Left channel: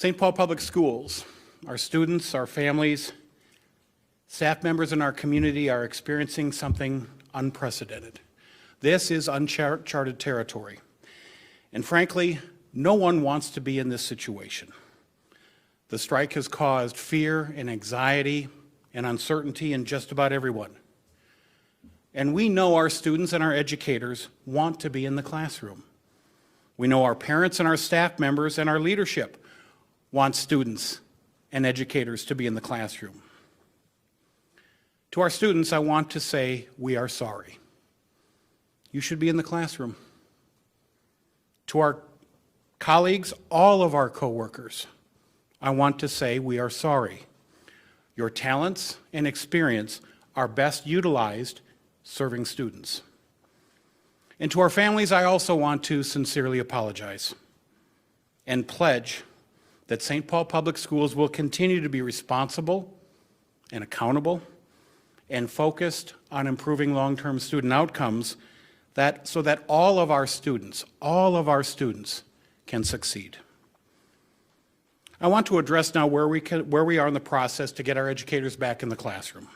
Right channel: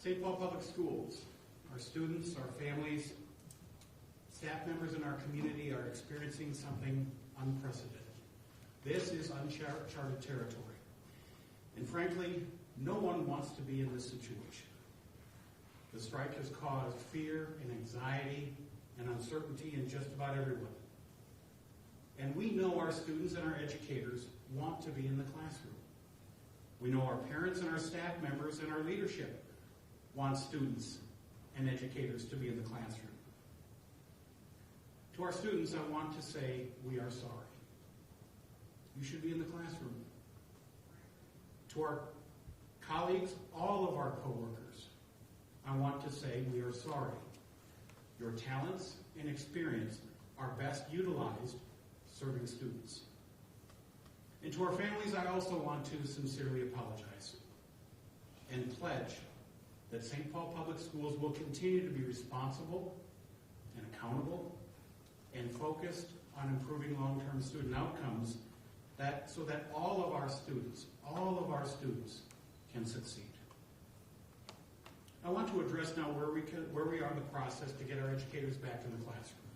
St. Paul Public Schools, our students, our families, staff members in our community are experiencing something unprecedented. This is uncharted territory. And frankly, no one wants to be in this situation. The strike has caused fear and anxiety and uncertainty in just about everyone. And we know our students and our educators want to be in the classroom. We know our parents and our staff members and our leadership want students and educators to be in the classroom. To our students, I want to say we are sorry. You should be in the classroom. To our colleagues, all of our coworkers, I want to say we are sorry. Your talents and experience are best utilized serving students. And to our families, I also want to sincerely apologize and pledge that St. Paul Public Schools will continue to be responsible and accountable and focused on improving long-term student outcomes so that all of our students can succeed. I want to address now where we are in the process to get our educators back in the classroom.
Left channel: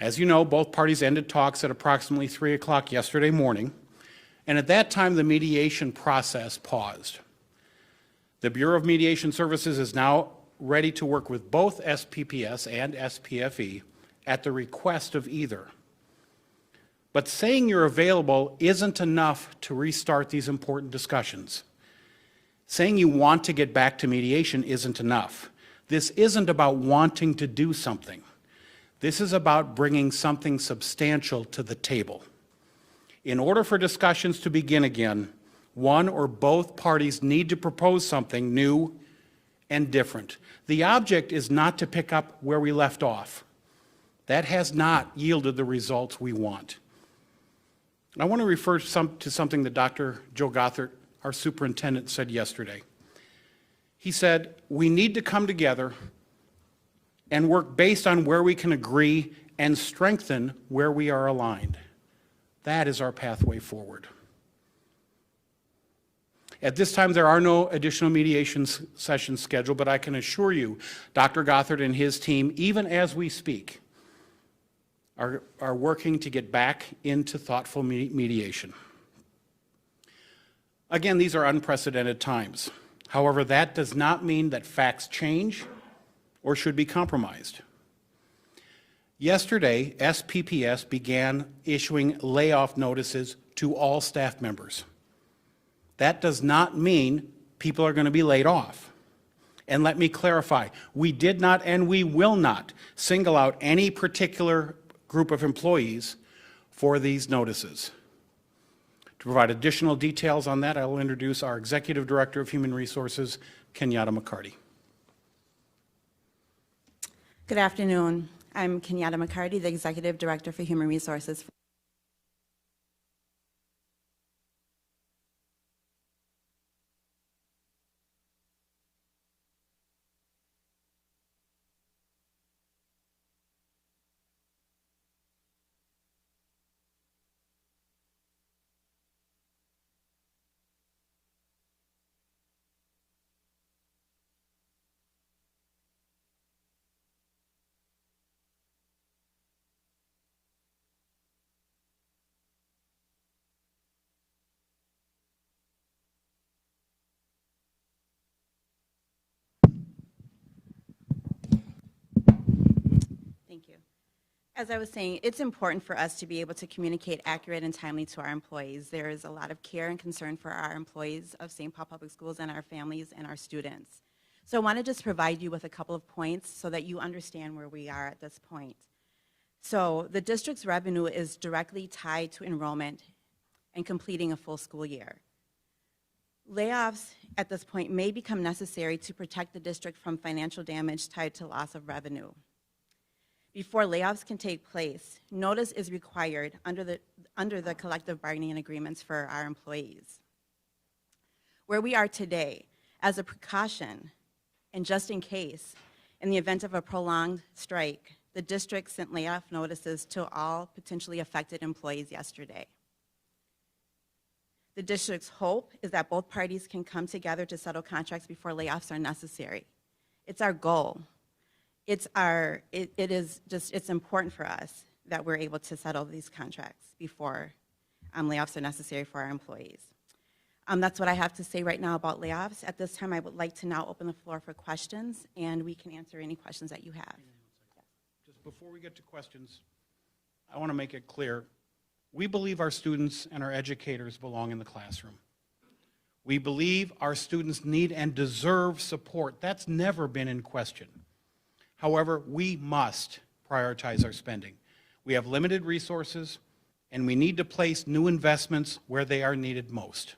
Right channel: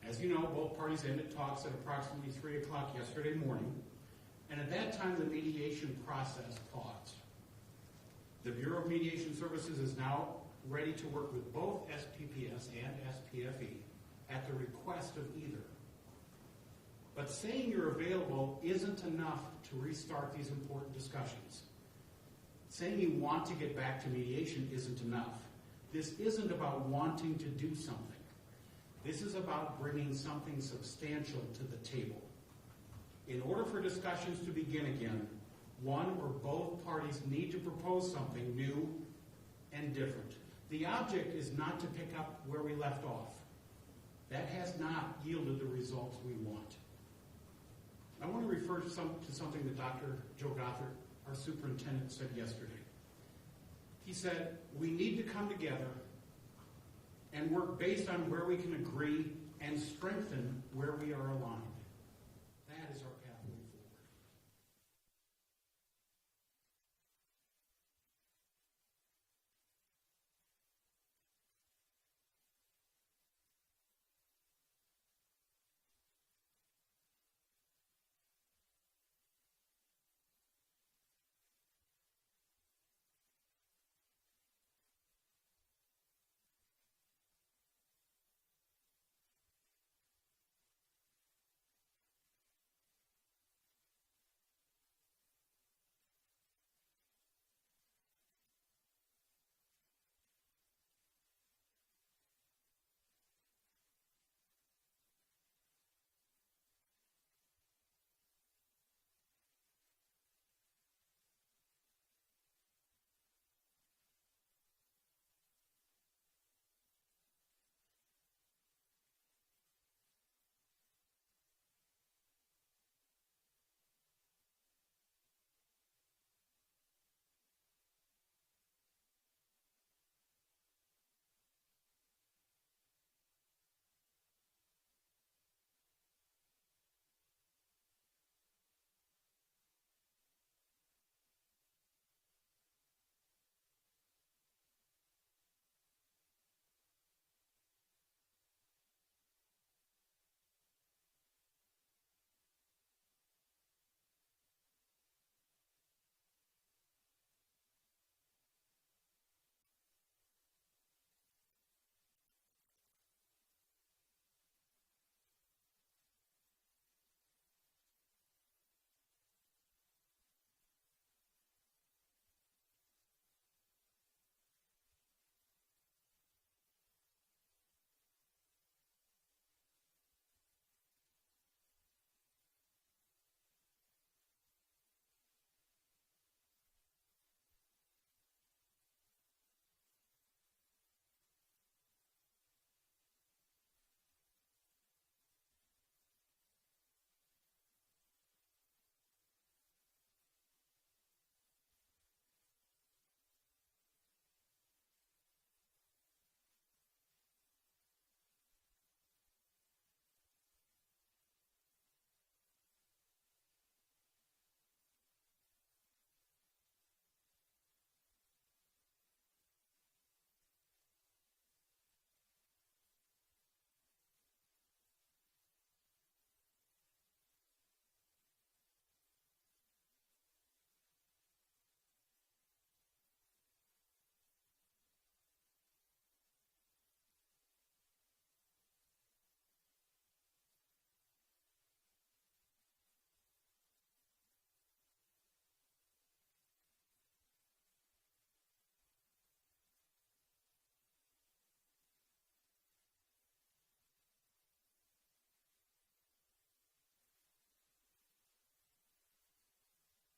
As you know, both parties ended talks at approximately 3 o'clock yesterday morning, and at that time the mediation process paused. The Bureau of Mediation Services is now ready to work with both SPPS and SPFE at the request of either. But saying you're available isn't enough to restart these important discussions. Saying you want to get back to mediation isn't enough. This isn't about wanting to do something. This is about bringing something substantial to the table. In order for discussions to begin again, one or both parties need to propose something new and different. The object is not to pick up where we left off. That has not yielded the results we want. I want to refer to something that Dr. Joe Gothard, our superintendent, said yesterday. He said, we need to come together and work based on where we can agree and strengthen where we are aligned. That is our pathway forward. At this time, there are no additional mediation sessions scheduled, but I can assure you, Dr. Gothard and his team, even as we speak, are working to get back into thoughtful mediation. Again, these are unprecedented times. However, that does not mean that facts change or should be compromised. Yesterday, SPPS began issuing layoff notices to all staff members. That does not mean people are going to be laid off. And let me clarify, we did not and we will not single out any particular group of employees for these notices. To provide additional details on that, I will introduce our Executive Director of Human Resources, Kenyatta McCarty. Good afternoon. I'm Kenyatta McCarty, the Executive Director for Human Resources. Thank you. As I was saying, it's important for us to be able to communicate accurate and timely to our employees. There is a lot of care and concern for our employees of St. Paul Public Schools and our families and our students. So I want to just provide you with a couple of points so that you understand where we are at this point. So the district's revenue is directly tied to enrollment and completing a full school year. Layoffs at this point may become necessary to protect the district from financial damage tied to loss of revenue. Before layoffs can take place, notice is required under the collective bargaining agreements for our employees. Where we are today, as a precaution, and just in case, in the event of a prolonged strike, the district sent layoff notices to all potentially affected employees yesterday. The district's hope is that both parties can come together to settle contracts before layoffs are necessary. It's our goal. It's important for us that we're able to settle these contracts before layoffs are necessary for our employees. That's what I have to say right now about layoffs. At this time, I would like to now open the floor for questions, and we can answer any questions that you have. Just before we get to questions, I want to make it clear, we believe our students and our educators belong in the classroom. We believe our students need and deserve support. That's never been in question. However, we must prioritize our spending. We have limited resources, and we need to place new investments where they are needed most.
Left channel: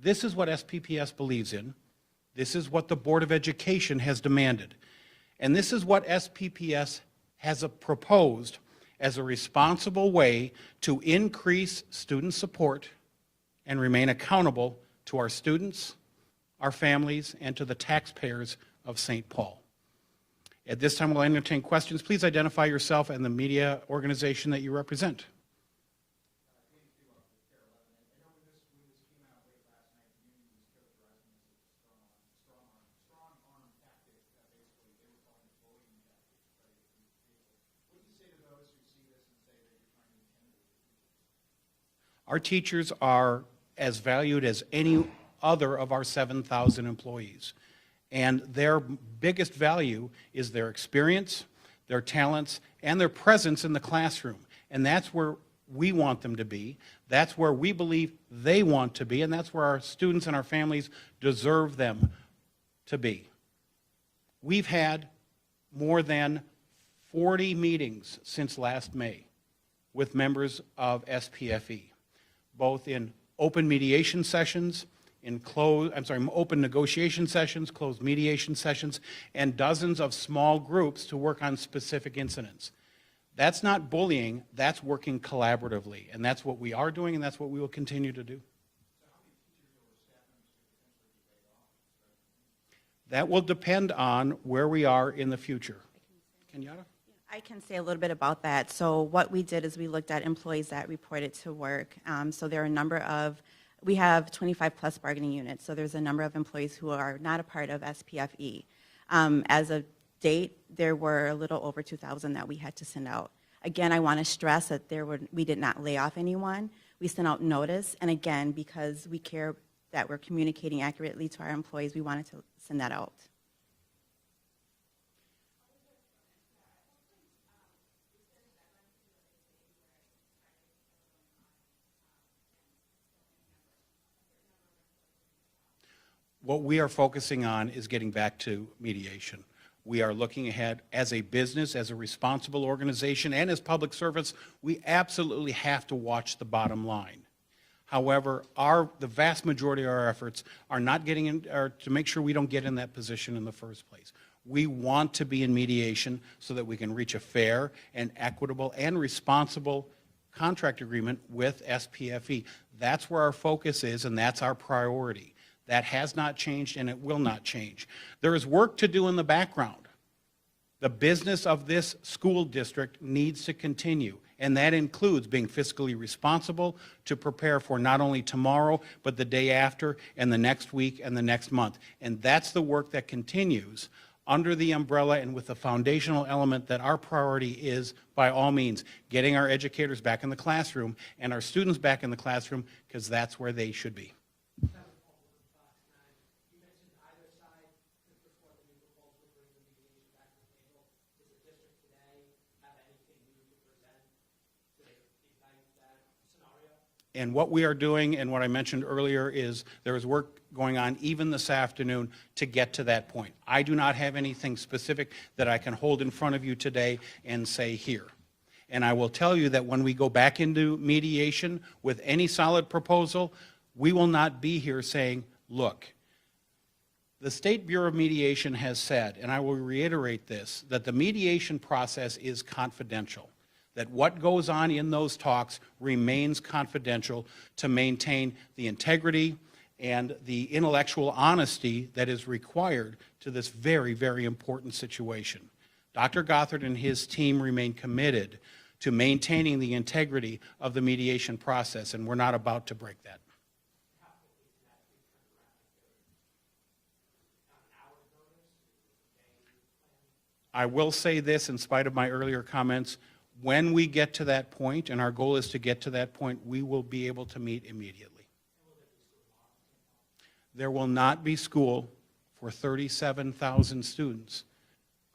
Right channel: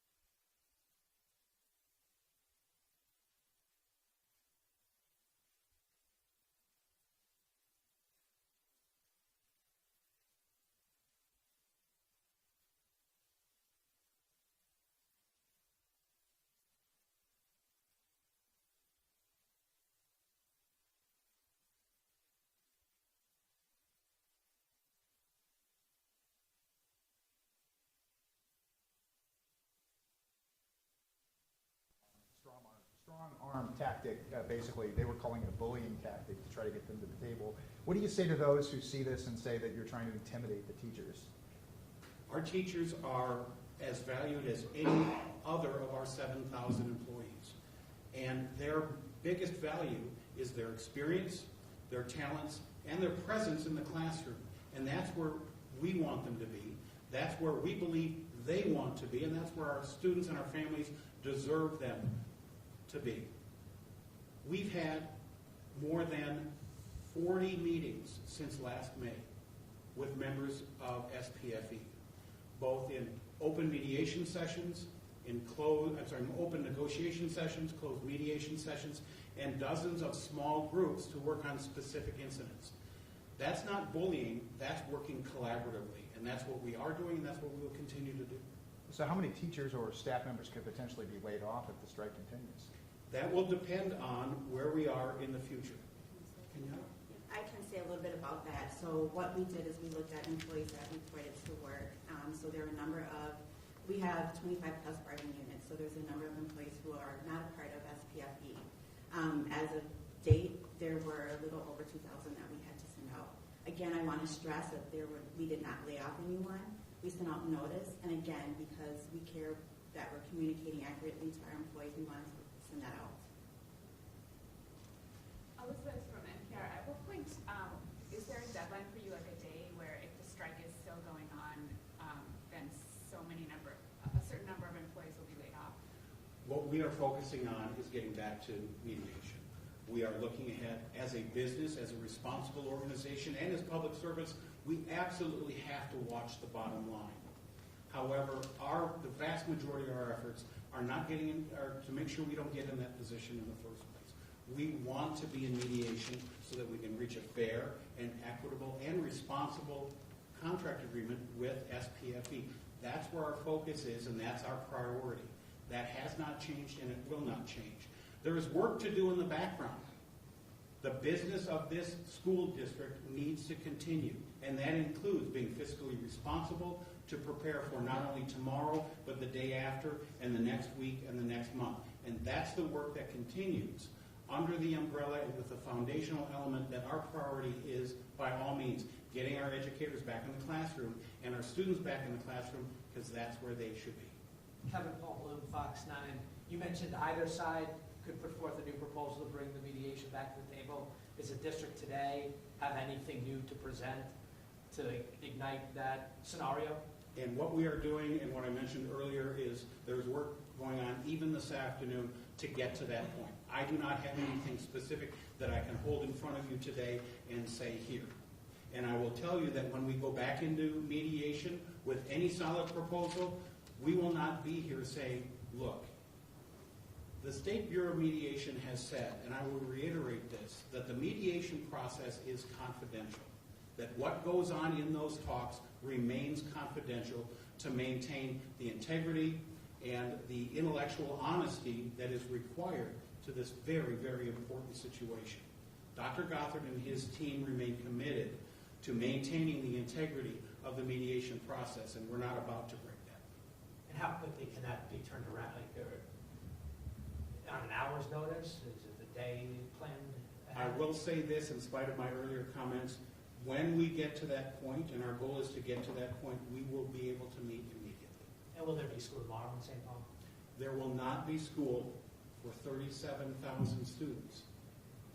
This is what SPPS believes in. This is what the Board of Education has demanded. And this is what SPPS has proposed as a responsible way to increase student support and remain accountable to our students, our families, and to the taxpayers of St. Paul. At this time, we'll entertain questions. Please identify yourself and the media organization that you represent. Strong-arm tactic, basically. They were calling it a bullying tactic to try to get them to the table. What do you say to those who see this and say that you're trying to intimidate the teachers? Our teachers are as valued as any other of our 7,000 employees. And their biggest value is their experience, their talents, and their presence in the classroom. And that's where we want them to be. That's where we believe they want to be, and that's where our students and our families deserve them to be. We've had more than 40 meetings since last May with members of SPFE, both in open mediation sessions, in open negotiation sessions, closed mediation sessions, and dozens of small groups to work on specific incidents. That's not bullying, that's working collaboratively, and that's what we are doing, and that's what we will continue to do. So how many teachers or staff members could potentially be laid off if the strike continues? That will depend on where we are in the future. Kenyatta? I can say a little bit about that. So what we did is we looked at employees that reported to work. So there are a number of, we have 25 plus bargaining units, so there's a number of employees who are not a part of SPFE. As of date, there were a little over 2,000 that we had to send out. Again, I want to stress that we did not lay off anyone. We sent out notice, and again, because we care that we're communicating accurately to our employees, we wanted to send that out. Elizabeth from NPR, at what point is there a deadline for you, like a day, where if the strike is still going on, then a certain number of employees will be laid off? What we are focusing on is getting back to mediation. We are looking ahead as a business, as a responsible organization, and as public servants. We absolutely have to watch the bottom line. However, the vast majority of our efforts are not to make sure we don't get in that position in the first place. We want to be in mediation so that we can reach a fair and equitable and responsible contract agreement with SPFE. That's where our focus is, and that's our priority. That has not changed, and it will not change. There is work to do in the background. The business of this school district needs to continue, and that includes being fiscally responsible to prepare for not only tomorrow, but the day after, and the next week, and the next month. And that's the work that continues under the umbrella and with the foundational element that our priority is, by all means, getting our educators back in the classroom and our students back in the classroom, because that's where they should be. Kevin Paul Bloom, Fox 9. You mentioned either side could put forth a new proposal to bring the mediation back to the table. Does the district today have anything new to present to ignite that scenario? And what we are doing, and what I mentioned earlier, is there is work going on even this afternoon to get to that point. I do not have anything specific that I can hold in front of you today and say here. And I will tell you that when we go back into mediation with any solid proposal, we will not be here saying, look, the State Bureau of Mediation has said, and I will reiterate this, that the mediation process is confidential, that what goes on in those talks remains confidential to maintain the integrity and the intellectual honesty that is required to this very, very important situation. Dr. Gothard and his team remain committed to maintaining the integrity of the mediation process, and we're not about to break that. I will say this, in spite of my earlier comments, when we get to that point, and our goal is to get to that point, we will be able to meet immediately. And will there be school tomorrow in St. Paul? There will not be school for 37,000 students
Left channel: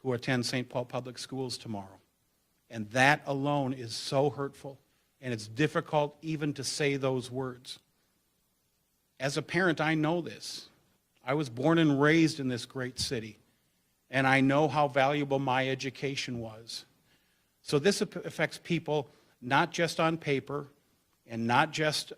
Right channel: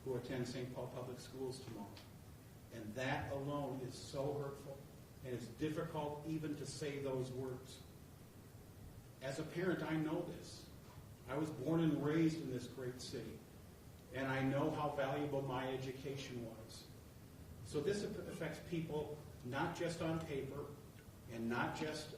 who attend St. Paul Public Schools tomorrow. And that alone is so hurtful, and it's difficult even to say those words. As a parent, I know this. I was born and raised in this great city, and I know how valuable my education was. So this affects people not just on paper and not just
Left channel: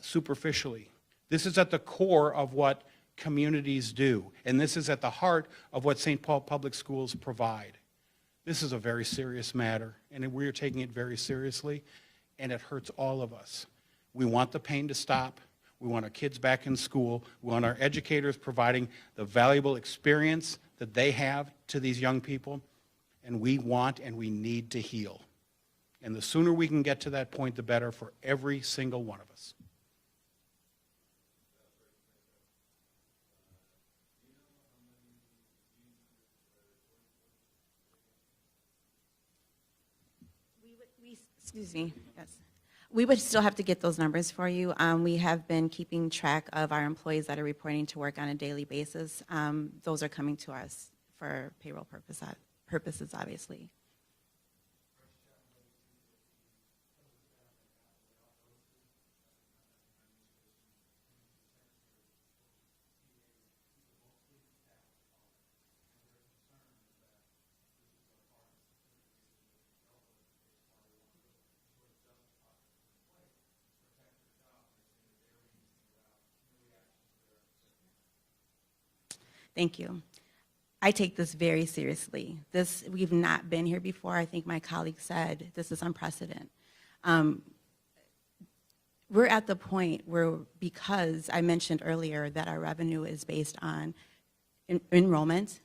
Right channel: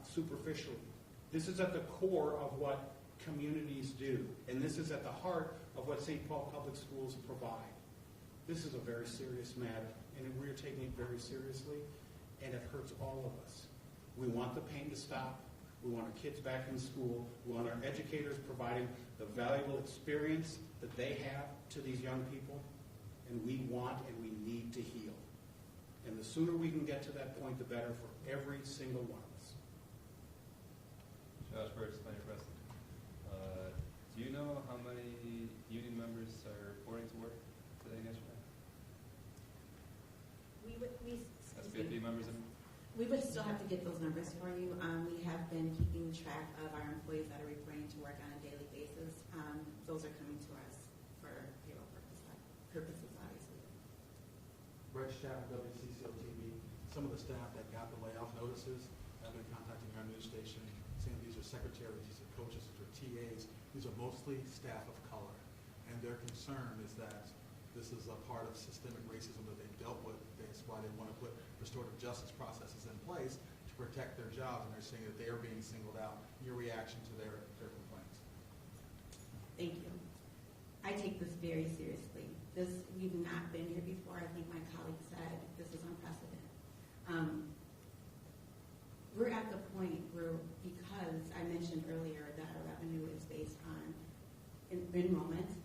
superficially. This is at the core of what communities do, and this is at the heart of what St. Paul Public Schools provide. This is a very serious matter, and we're taking it very seriously, and it hurts all of us. We want the pain to stop. We want our kids back in school. We want our educators providing the valuable experience that they have to these young people, and we want and we need to heal. And the sooner we can get to that point, the better for every single one of us. Josh Burks, Planning President. Do you know how many union members are reporting to work today and yesterday? Excuse me. 50 members, Yes. I mean? We would still have to get those numbers for you. We have been keeping track of our employees that are reporting to work on a daily basis. Those are coming to us for payroll purposes, obviously. Brett Schaff, WCCO TV. Some of the staff that got the layoff notices have been contacting our news station, saying these are secretaries, these are coaches, these are TAs. These are mostly staff of color. And their concern is that this is a part of systemic racism that they've dealt with. That's why they want to put restorative justice processes in place to protect their jobs. And they're saying that they are being singled out. Your reaction to their complaints? Thank you. I take this very seriously. We've not been here before. I think my colleague said this is unprecedented. We're at the point where, because I mentioned earlier that our revenue is based on enrollment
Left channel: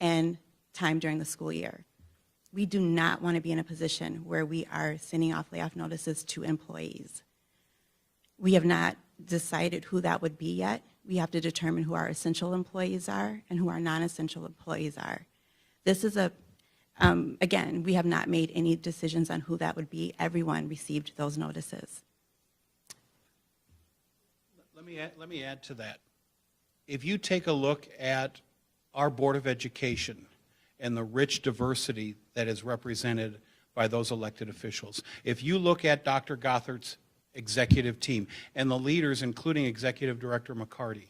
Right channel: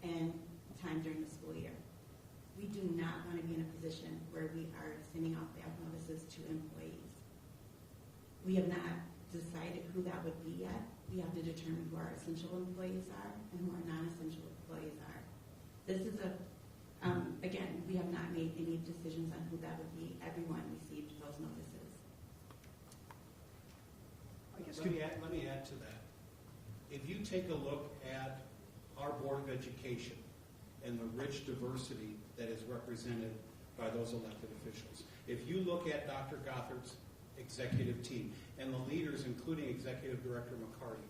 and time during the school year, we do not want to be in a position where we are sending off layoff notices to employees. We have not decided who that would be yet. We have to determine who our essential employees are and who our non-essential employees are. This is again, we have not made any decisions on who that would be. Everyone received those notices. Let me add to that. If you take a look at our Board of Education and the rich diversity that is represented by those elected officials, if you look at Dr. Gothard's executive team and the leaders, including Executive Director McCarty,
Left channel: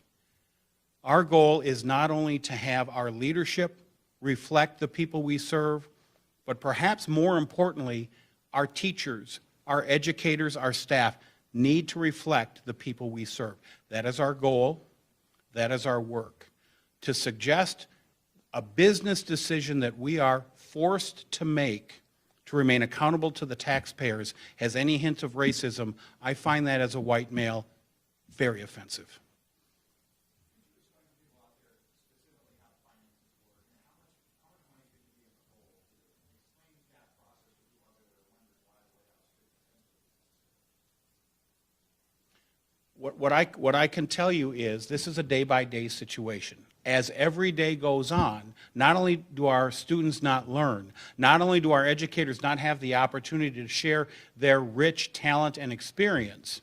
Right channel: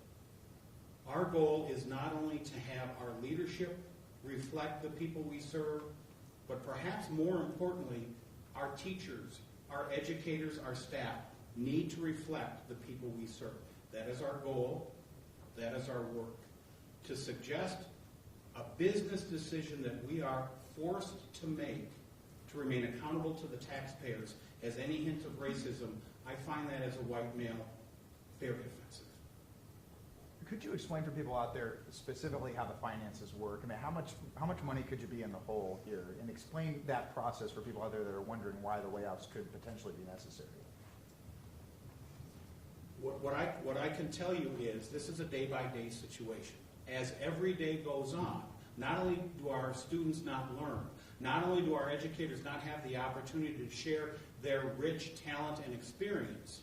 our goal is not only to have our leadership reflect the people we serve, but perhaps more importantly, our teachers, our educators, our staff need to reflect the people we serve. That is our goal. That is our work. To suggest a business decision that we are forced to make to remain accountable to the taxpayers has any hint of racism, I find that as a white male very offensive. Could you explain for people out there specifically how the finances work? I mean, how much money could you be in the hole here? And explain that process for people out there that are wondering why the layoffs could potentially be necessary. What I can tell you is this is a day-by-day situation. As every day goes on, not only do our students not learn, not only do our educators not have the opportunity to share their rich talent and experience,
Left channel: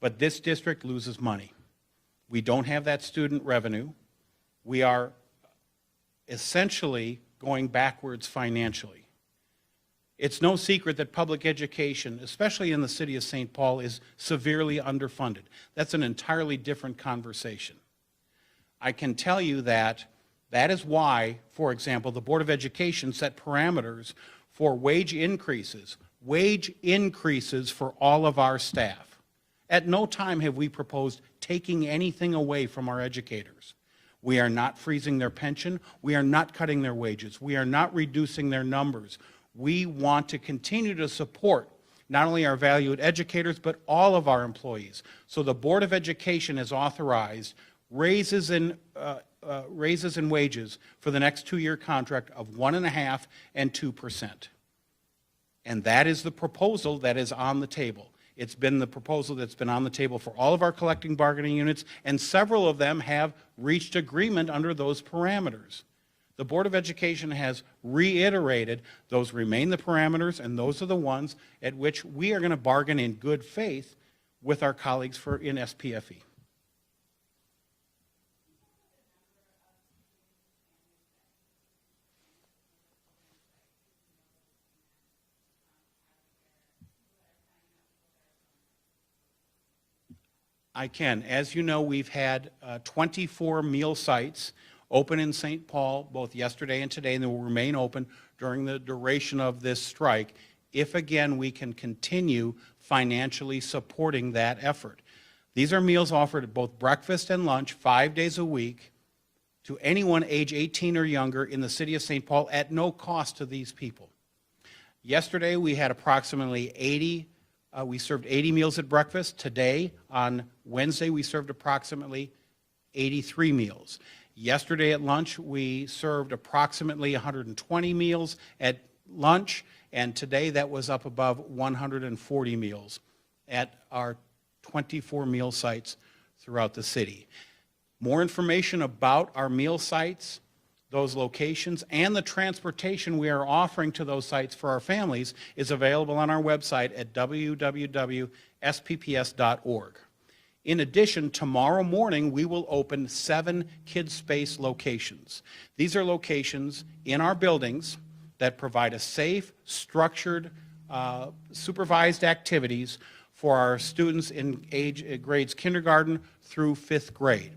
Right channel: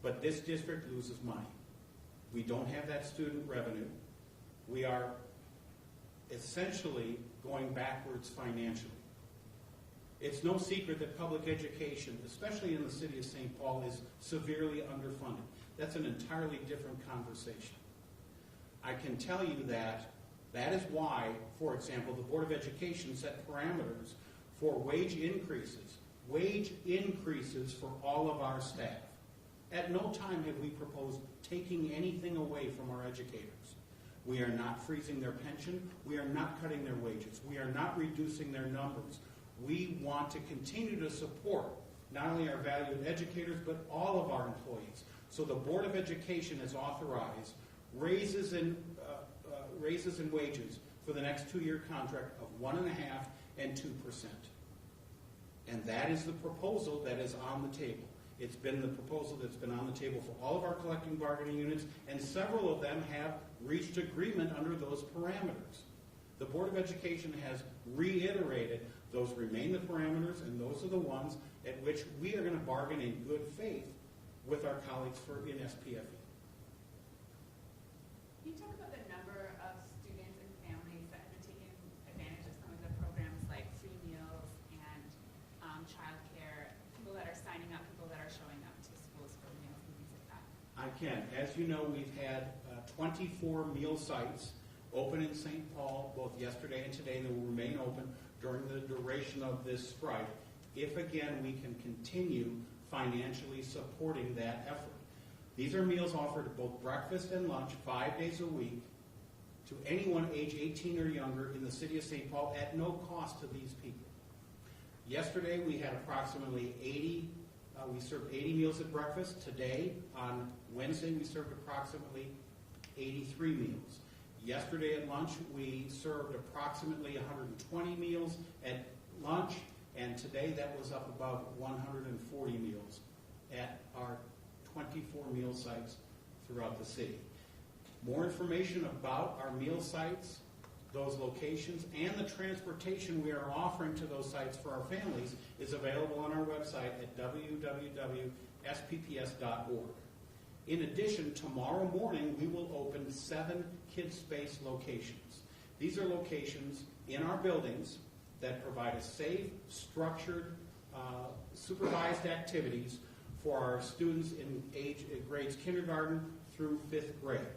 but this district loses money. We don't have that student revenue. We are essentially going backwards financially. It's no secret that public education, especially in the city of St. Paul, is severely underfunded. That's an entirely different conversation. I can tell you that is why, for example, the Board of Education set parameters for wage increases for all of our staff. At no time have we proposed taking anything away from our educators. We are not freezing their pension. We are not cutting their wages. We are not reducing their numbers. We want to continue to support not only our valued educators, but all of our employees. So the Board of Education has authorized raises in wages for the next 2-year contract of 1.5% and 2%. And that is the proposal that is on the table. It's been the proposal that's been on the table for all of our collective bargaining units, and several of them have reached agreement under those parameters. The Board of Education has reiterated those remain the parameters, and those are the ones at which we are going to bargain in good faith with our colleagues in SPFE. Can you talk about the number of students and families that have been taking advantage of some of the programs like free meals and childcare, people that are signing up, people that are showing up to schools for meals and things like that? I can. As you know, we've had 24 meal sites open in St. Paul both yesterday and today, and they will remain open during the duration of this strike if, again, we can continue financially supporting that effort. These are meals offered at both breakfast and lunch 5 days a week to anyone age 18 or younger in the city of St. Paul at no cost to these people. Yesterday, we had approximately 80, we served 80 meals at breakfast. Today, on Wednesday, we served approximately 83 meals. Yesterday at lunch, we served approximately 120 meals at lunch, and today that was up above 140 meals at our 24 meal sites throughout the city. More information about our meal sites, those locations, and the transportation we are offering to those sites for our families is available on our website at www.spps.org. In addition, tomorrow morning we will open 7 Kids Space locations. These are locations in our buildings that provide a safe, structured, supervised activities for our students in grades kindergarten through 5th grade.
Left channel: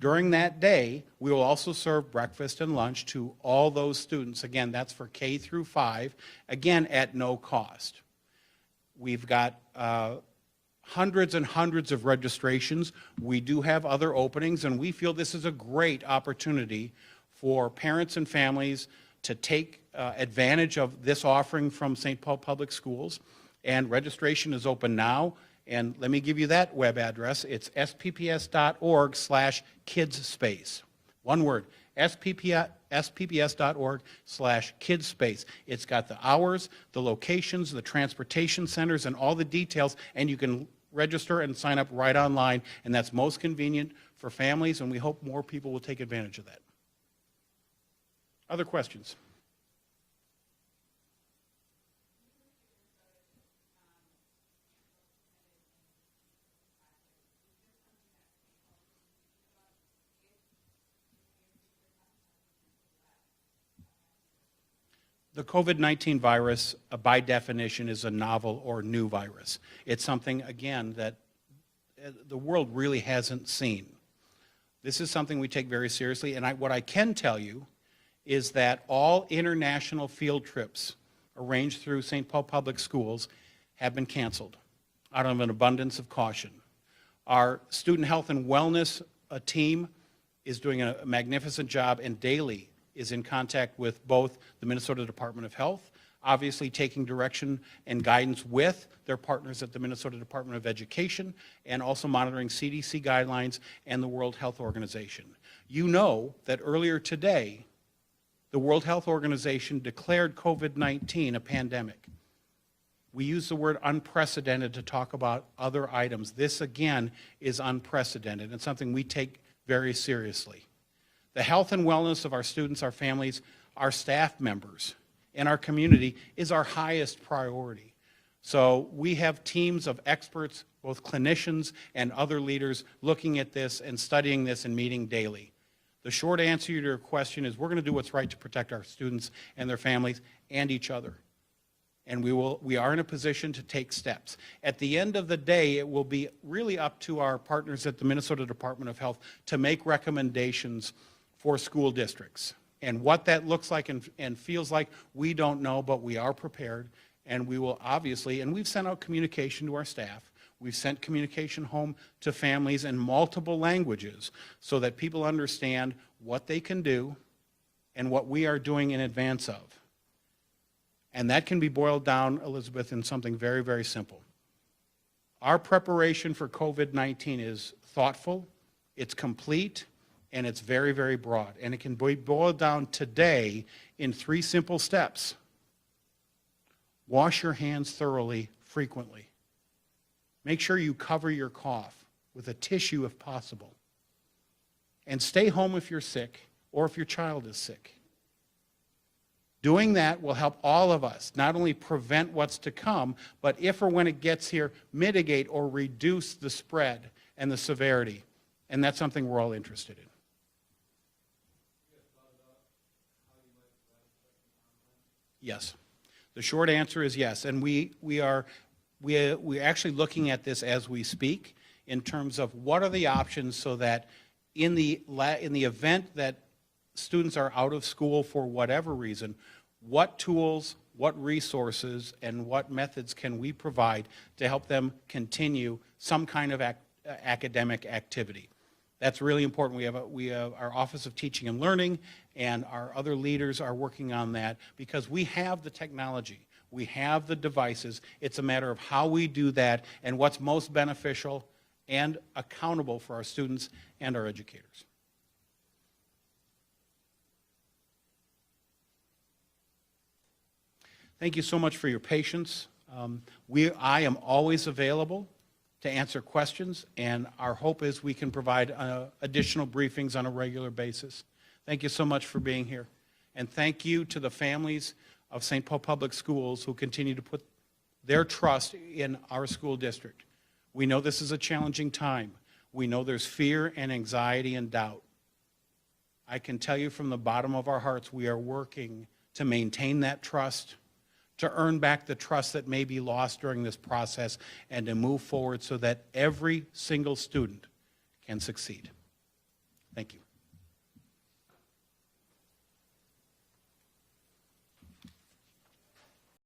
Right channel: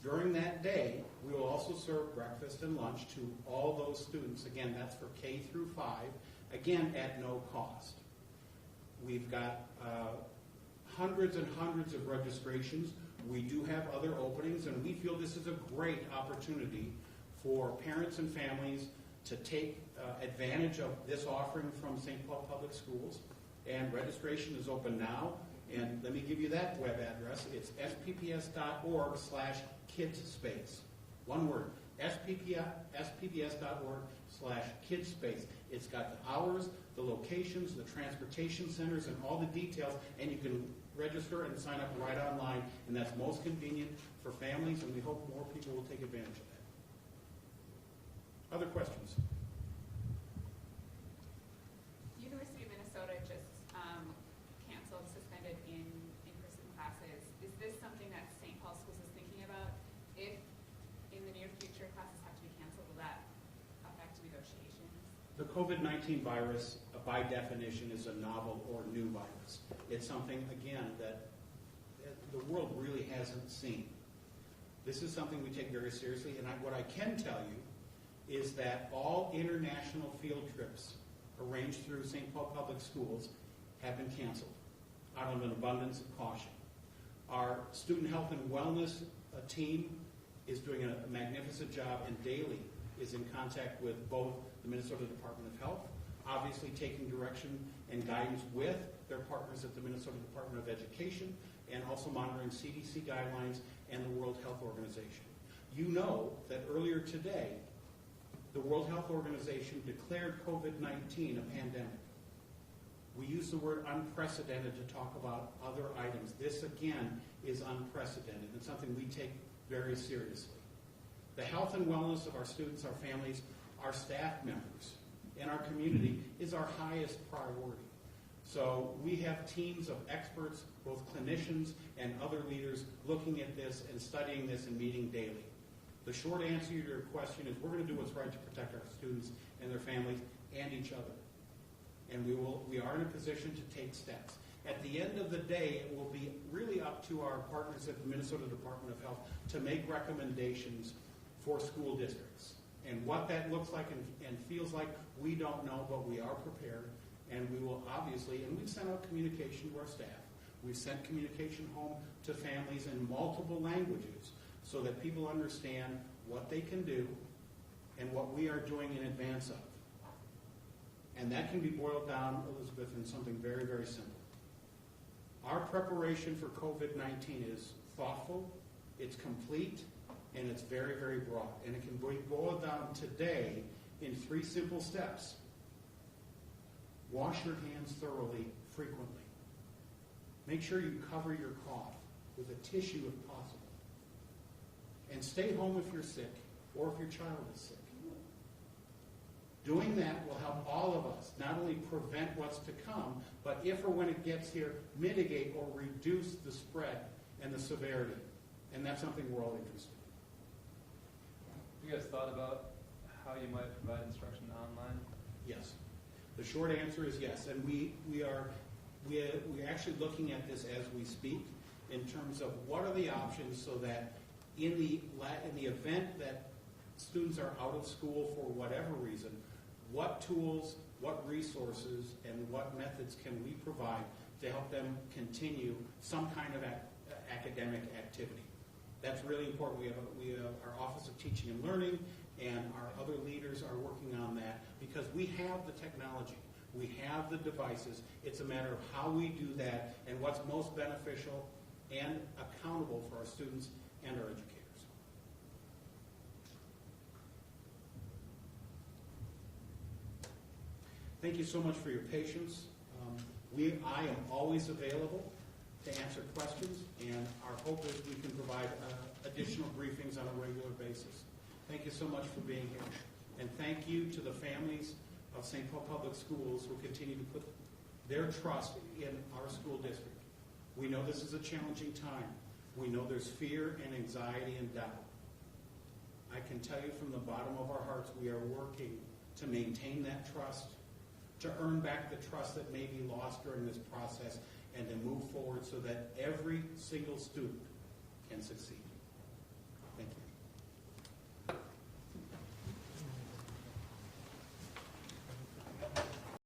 During that day, we will also serve breakfast and lunch to all those students. Again, that's for K through 5, again, at no cost. We've got hundreds and hundreds of registrations. We do have other openings, and we feel this is a great opportunity for parents and families to take advantage of this offering from St. Paul Public Schools. And registration is open now. And let me give you that web address. It's spps.org/kidsspace. One word, spps.org/kidsspace. It's got the hours, the locations, the transportation centers, and all the details, and you can register and sign up right online, and that's most convenient for families, and we hope more people will take advantage of that. Other questions? University of Minnesota just canceled, suspended in-person classes. Is this something that St. Paul Schools is thinking about? If in the near future classes have to be canceled, will that affect negotiations? The COVID-19 virus, by definition, is a novel or new virus. It's something, again, that the world really hasn't seen. This is something we take very seriously, and what I can tell you is that all international field trips arranged through St. Paul Public Schools have been canceled out of an abundance of caution. Our student health and wellness team is doing a magnificent job and daily is in contact with both the Minnesota Department of Health, obviously taking direction and guidance with their partners at the Minnesota Department of Education, and also monitoring CDC guidelines and the World Health Organization. You know that earlier today, the World Health Organization declared COVID-19 a pandemic. We use the word unprecedented to talk about other items. This, again, is unprecedented and something we take very seriously. The health and wellness of our students, our families, our staff members, and our community is our highest priority. So we have teams of experts, both clinicians and other leaders, looking at this and studying this and meeting daily. The short answer to your question is we're going to do what's right to protect our students and their families and each other. And we are in a position to take steps. At the end of the day, it will be really up to our partners at the Minnesota Department of Health to make recommendations for school districts. And what that looks like and feels like, we don't know, but we are prepared. And we will obviously, and we've sent out communication to our staff. We've sent communication home to families in multiple languages so that people understand what they can do and what we are doing in advance of. And that can be boiled down, Elizabeth, in something very, very simple. Our preparation for COVID-19 is thoughtful, it's complete, and it's very, very broad. And it can be boiled down today in 3 simple steps. Wash your hands thoroughly, frequently. Make sure you cover your cough with a tissue if possible. And stay home if you're sick or if your child is sick. Doing that will help all of us not only prevent what's to come, but if or when it gets here, mitigate or reduce the spread and the severity. And that's something we're all interested in. Have you guys thought about how you might provide instruction online? Yes. The short answer is yes. And we're actually looking at this as we speak in terms of what are the options so that in the event that students are out of school for whatever reason, what tools, what resources, and what methods can we provide to help them continue some kind of academic activity? That's really important. We have our Office of Teaching and Learning, and our other leaders are working on that because we have the technology. We have the devices. It's a matter of how we do that and what's most beneficial and accountable for our students and our educators. Thank you so much for your patience. I am always available to answer questions, and our hope is we can provide additional briefings on a regular basis. Thank you so much for being here. And thank you to the families of St. Paul Public Schools who continue to put their trust in our school district. We know this is a challenging time. We know there's fear and anxiety and doubt. I can tell you from the bottom of our hearts, we are working to maintain that trust, to earn back the trust that may be lost during this process, and to move forward so that every single student can succeed.